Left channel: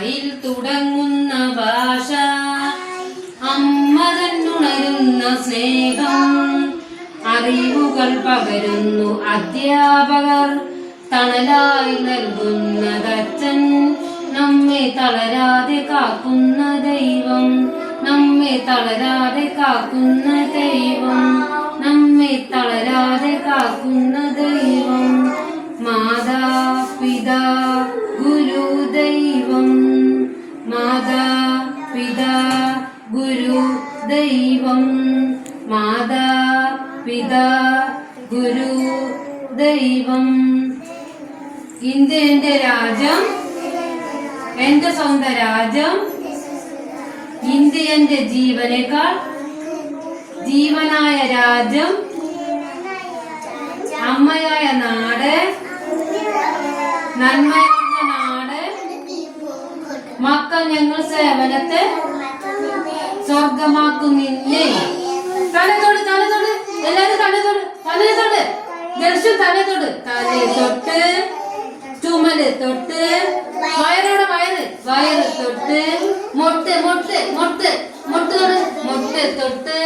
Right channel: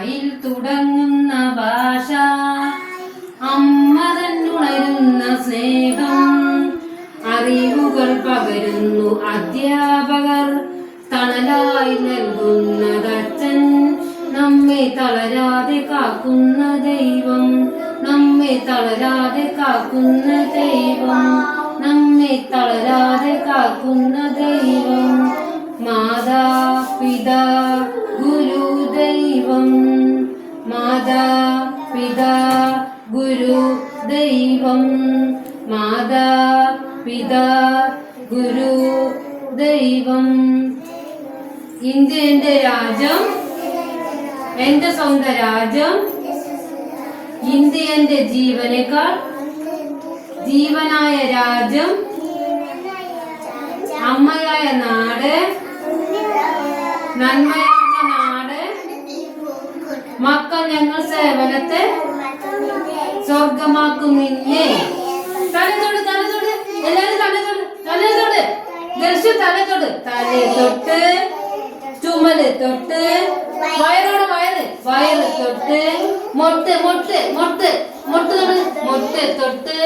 ആയിൽ തുടങ്ങുന്ന ഭാഷ. അമ്മ തന്നുണരുന്ന സ്നേഹം. അറിവുകൾ പകരുന്നു അധ്യാപകർ. തണലായി നൽകുന്നതച്ഛൻ നമ്മെ തളരാതെ കാക്കുന്ന ദൈവം. നമ്മെ തളരാതെ കാക്കുന്ന ദൈവം. ഗുരു ദൈവം മാതാ പിതാ ഗുരു ദൈവം. ഇന്ത്യ എന്റെ രാജ്യം എന്റെ സ്വന്തം രാജ്യം ഇന്ത്യ ജീവനേക്കാൾ ജീവനായ രാജ്യം അമ്മയായ നാട് നന്മയായ നാട് മക്കൾ ഞങ്ങൾ സേവനത്തെ സ്വർഗമാക്കും നിന്നെ തലത്തോട് തലതൊട് എല്ലാരും തലത്തോട് തലത്തോട് ദർശൻ തലത്തോട് തലേ തൊട്ട് ചുമൽ തൊട്ട് വയറോടെ വയറ്. വയറ് തൊട്ട് മൊട്ട് മൊട്ട് മൊട്ട്. മൊട്ട് തൊട്ട് മൊട്ട് തൊട്ട്